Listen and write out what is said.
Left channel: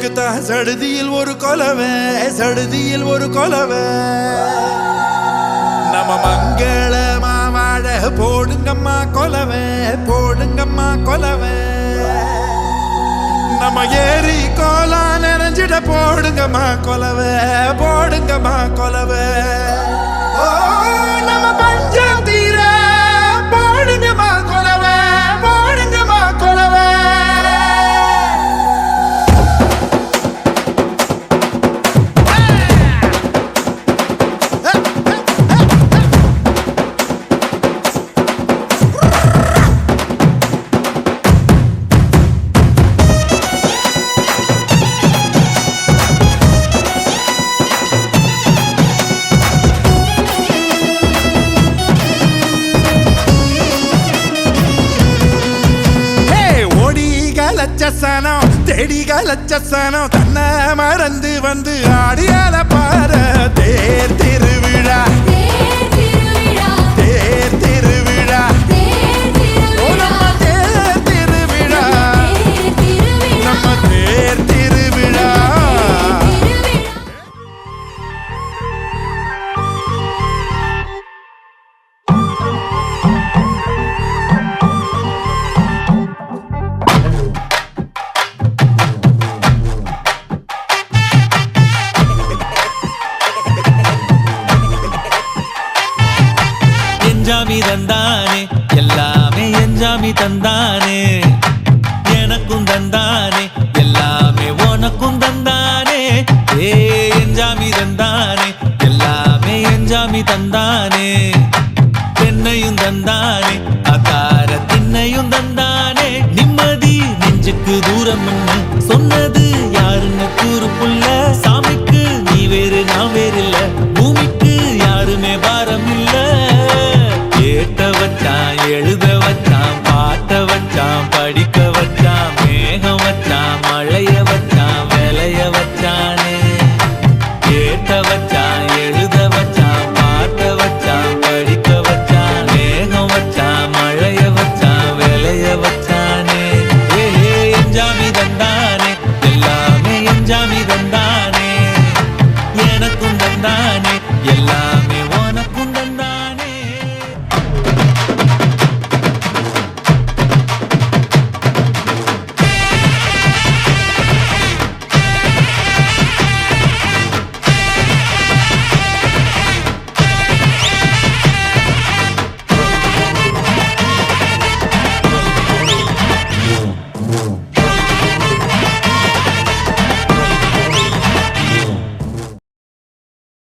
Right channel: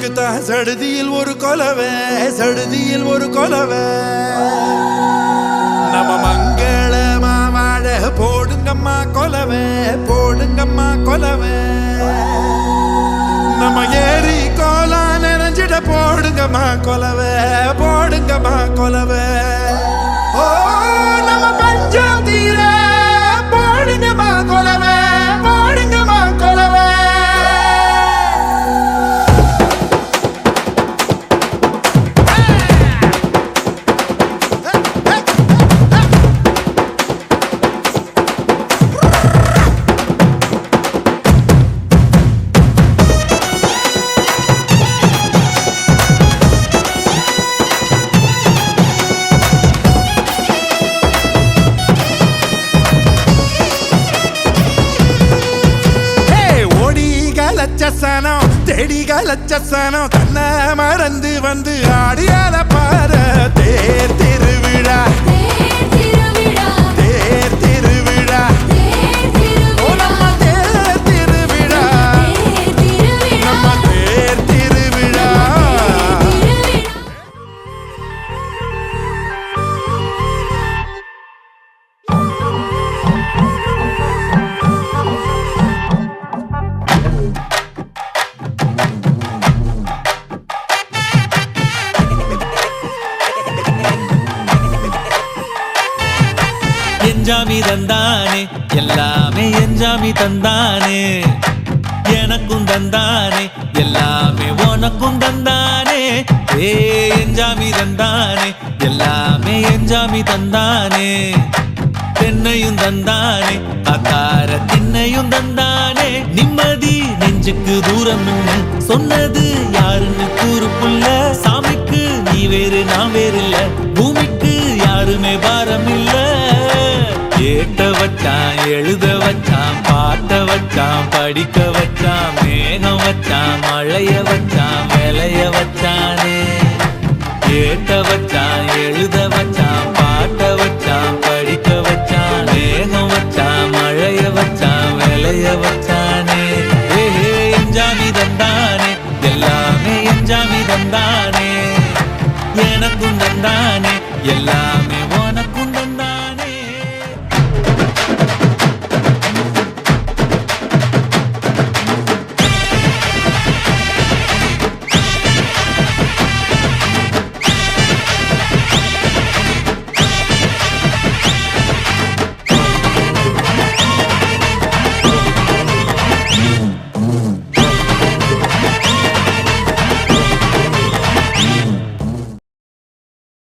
இதுக்குத்தான் சடுதியில் ஒரு கொலவை, சடுதியில் ஒரு கொலவை. நம்ம மங்களமா வாழ போடுங்கம்மா கொலவை, போடுங்கம்மா கொலவை. நம்ம ஏரி கோலா நினைஞ்சிட போடுங்கம்மா கொலவை, போடுங்கம்மா கொலவை. ஓ நம்ம பஞ்சம் தீர போடுங்கம்மா கொலவை, போடுங்கம்மா கொலவை. லட்சசனம் தேடிக லட்சசனம் தன்னை மறந்து வந்து ஆடியால பார தேர் திருவிழா, தேர் திருவிழா. ஓ நம்ம தேர் திருவிழா, நம்ம தேர் திருவிழா. என்ஜாமி தந்தானே எல்லாமே, என்ஜாமி தந்தானே எனக்கும் தந்தானே எல்லாமே, உனக்கும் தந்தானே. ஏ என்ஜாமி தந்தானே எல்லாமே, என்ஜாமி தந்தானே. பெண்ணையும் தந்தானே அத்தார திண்ணையும் தந்தானே. நிம்மதி நெஞ்சுக்கு தூரம்னு சொன்னது யாருன்னு கூறு புள்ள. சாமிக்கு நீ வேறு நான் வேறு இல்ல, பூமிக்கு யாருமே பாரம் இல்ல. ஏட்ட வச்சான் எழுத வச்சான், பாட்ட வச்சான் படிக்க வச்சான், மேகம் வச்சான் மழைய வச்சான் விளைய வச்சானே. ஏட்ட வச்சான் எழுத வச்சான், பாட்ட வச்சான் படிக்க வச்சான், மேகம் வச்சான் மழைய வச்சான் விளைய வச்சானே. ஏஹே என்ஜாமி தந்தானே எல்லாமே, என்ஜாமி தந்தானே எனக்கும் தந்தானே எல்லாமே, உனக்கும் தந்தானே.